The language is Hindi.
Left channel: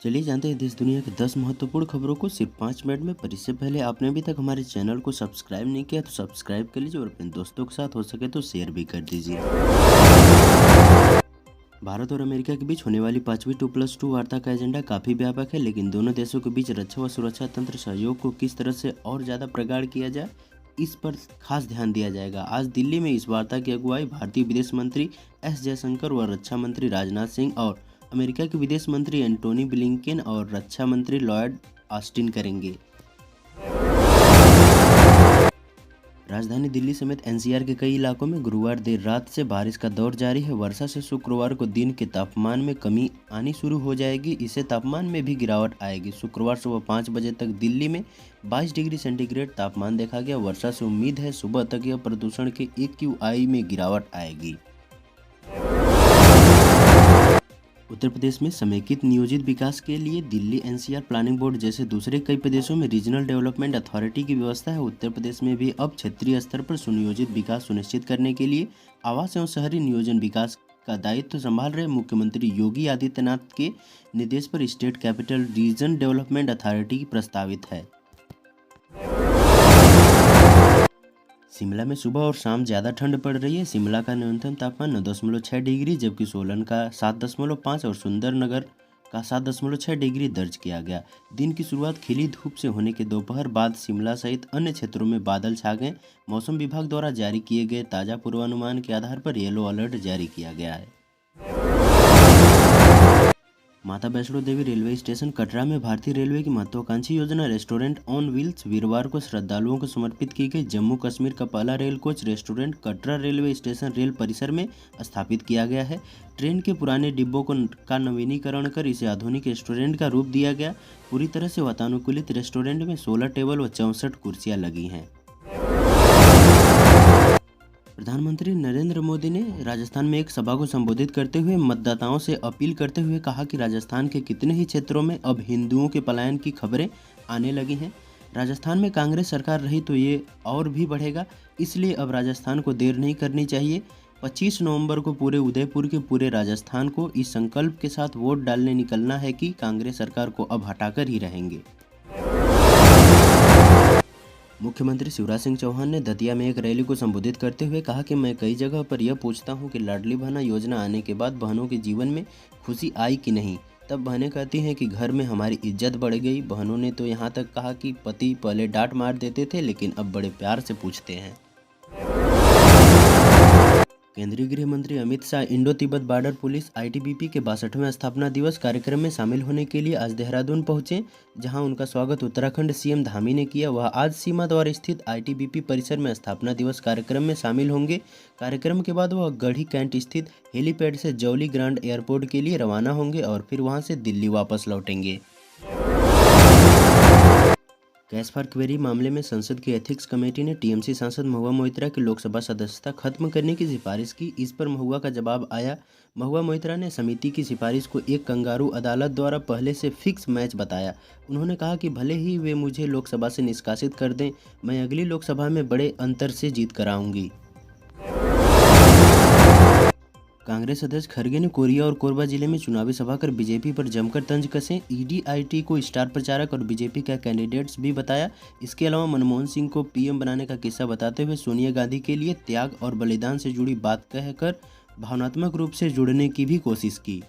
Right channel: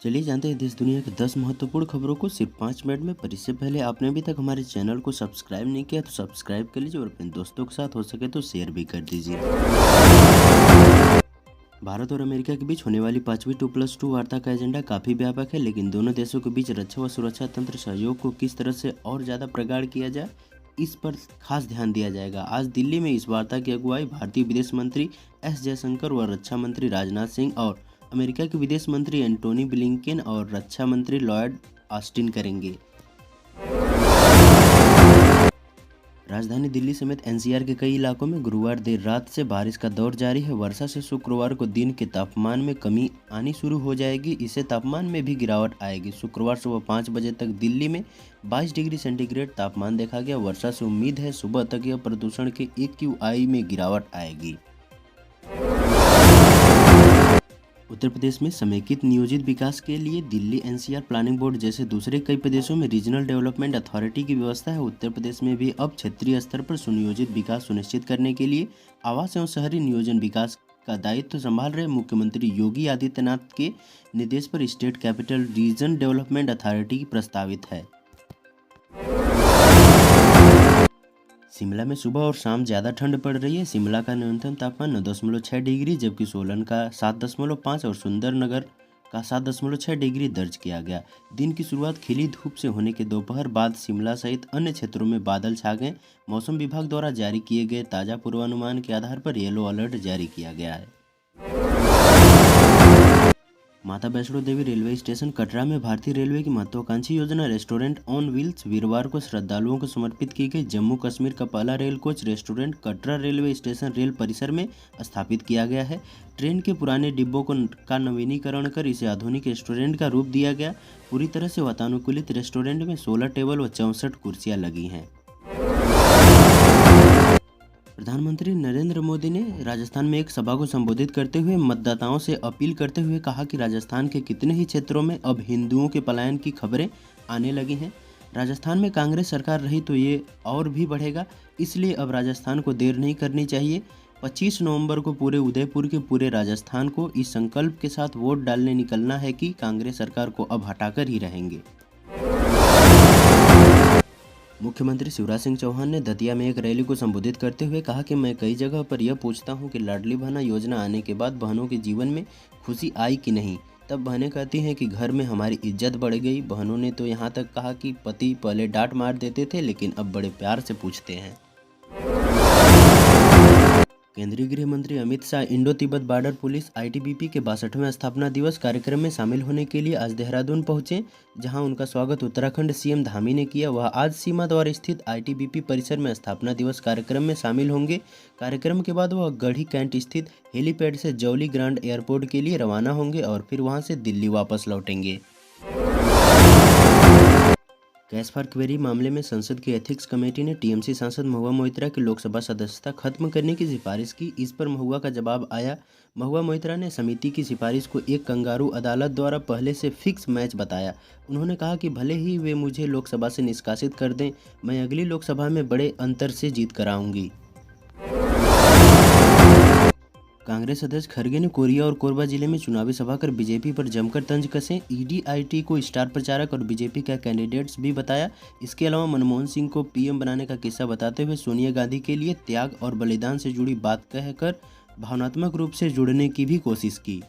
चलिए जानते हैं देश दुनिया की 10 महत्वपूर्ण खबरों को सिर्फ 5 मिनट में। पर इससे पहले आपने अभी तक हमारे चैनल को सब्सक्राइब नहीं किया तो सब्सक्राइब कर लीजिए और अपने दोस्तों के साथ हो सके तो शेयर भी कर दीजिए। भारत और अमेरिका के बीच होने वाली 5वीं 2+2 वार्ता का एजेंडा काफ़ी व्यापक है, लेकिन दोनों देशों के बीच रक्षा व सुरक्षा तंत्र सहयोग को किस तरह से और ज़्यादा प्रगाढ़ किया जाए, इस पर खास ध्यान दिया जाएगा। आज दिल्ली में इस वार्ता की अगुवाई भारतीय विदेश मंत्री एस जयशंकर व रक्षा मंत्री राजनाथ सिंह और अमेरिका के विदेश मंत्री एंटोनी ब्लिंकेन और रक्षा मंत्री लॉयड ऑस्टिन करेंगे। राजधानी दिल्ली समेत एनसीआर के कई इलाकों में गुरुवार देर रात से बारिश का दौर जारी है। वर्षा से शुक्रवार को दिन के तापमान में कमी आनी शुरू हो जाएगी। इससे तापमान में भी गिरावट आएगी। शुक्रवार सुबह 5 बजे तक दिल्ली में 22 डिग्री सेंटीग्रेड तापमान देखा गया। वर्षा से उम्मीद है सुबह तक यह प्रदूषण के AQI में गिरावट आएगी। उत्तर प्रदेश में समेकित नियोजित विकास के लिए दिल्ली एनसीआर प्लानिंग बोर्ड जैसे दूसरे कई प्रदेशों में रीजनल डेवलपमेंट अथॉरिटी की व्यवस्था है। उत्तर प्रदेश में भी अब क्षेत्रीय स्तर पर सुनियोजित विकास सुनिश्चित करने के लिए आवास एवं शहरी नियोजन विकास का दायित्व संभाल रहे मुख्यमंत्री योगी आदित्यनाथ के निर्देश पर state capital region development authority प्रस्तावित है। शिमला में सुबह और शाम ज़्यादा ठंड पड़ रही है। शिमला का न्यूनतम तापमान 9.6 डिग्री जबकि सोलन का 7.5 और सुंदरनगर का 7.6 डिग्री दर्ज किया गया। दिन की शुरुआत खिली धूप से होने के दोपहर बाद शिमला सहित अन्य क्षेत्रों में बादल छा गए। मौसम विभाग द्वारा जारी किए गए ताज़ा पूर्वानुमान के आधार पर येलो अलर्ट जारी किया गया है। माता वैष्णो देवी रेलवे स्टेशन कटरा में भारतीय रेलवे की महत्वाकांक्षी योजना रेस्टोरेंट ऑन व्हील्स वीरवार को श्रद्धालुओं को समर्पित की गई। जम्मू कश्मीर का पहला rail coach restaurant Katra railway station rail परिसर में स्थापित किया गया है। ट्रेन के पुराने डिब्बों का नवीनीकरण कर इसे आधुनिक रेस्टोरेंट का रूप दिया गया। पूरी तरह से वातानुकूलित रेस्टोरेंट में 16 टेबल व 64 कुर्सियाँ लगी हैं। प्रधानमंत्री नरेंद्र मोदी ने राजस्थान में एक सभा को संबोधित करते हुए मतदाताओं से अपील करते हुए कहा कि राजस्थान के कितने ही क्षेत्रों में अब हिंदुओं के पलायन की खबरें आने लगी हैं। राजस्थान में कांग्रेस सरकार रही तो ये और भी बढ़ेगा, इसलिए अब राजस्थान को देर नहीं करनी चाहिए। 25 नवंबर को पूरे उदयपुर के पूरे राजस्थान को इस संकल्प के साथ वोट डालने निकलना है कि कांग्रेस सरकार को अब हटाकर ही रहेंगे। मुख्यमंत्री शिवराज सिंह चौहान ने दतिया में एक रैली को संबोधित करते हुए कहा कि मैं कई जगह पर यह पूछता हूं कि लाडली बहना योजना आने के बाद बहनों के जीवन में खुशी आई कि नहीं। तब बहनें कहती हैं कि घर में हमारी इज्जत बढ़ गई। बहनों ने तो यहां तक कहा कि पति पहले डांट मार देते थे लेकिन अब बड़े प्यार से पूछते हैं। केंद्रीय गृह मंत्री Amit Shah Indo Tibet border police ITBP के 62वें स्थापना दिवस कार्यक्रम में शामिल होने के लिए आज देहरादून पहुंचे, जहां उनका स्वागत उत्तराखंड CM धामी ने किया। वह आज सीमा द्वार स्थित ITBP परिसर में स्थापना दिवस कार्यक्रम में शामिल होंगे। कार्यक्रम के बाद वह गढ़ी कैंट स्थित हेलीपैड से जौली ग्रांड एयरपोर्ट के लिए रवाना होंगे और फिर वहां से दिल्ली वापस लौटेंगे। कैश फॉर क्वेरी मामले में संसद की एथिक्स कमेटी ने TMC सांसद महुआ मोइत्रा की लोकसभा सदस्यता खत्म करने की सिफारिश की। इस पर महुआ का जवाब आया। महुआ मोइत्रा ने समिति की सिफारिश को एक कंगारू अदालत द्वारा पहले से फिक्स मैच बताया। उन्होंने कहा कि भले ही वे मुझे लोकसभा से निष्कासित कर दें, मैं अगली लोकसभा में बड़े अंतर से जीत कर आऊँगी। कांग्रेस अध्यक्ष खड़गे ने कोरिया और कोरबा जिले में चुनावी सभा कर बीजेपी पर जमकर तंज कसे। EDIT को स्टार प्रचारक और बीजेपी का कैंडिडेट्स भी बताया। इसके अलावा मनमोहन सिंह को PM बनाने का किस्सा बताते हुए सोनिया गांधी के लिए त्याग और बलिदान से जुड़ी बात कहकर भावनात्मक रूप से जुड़ने की भी कोशिश की।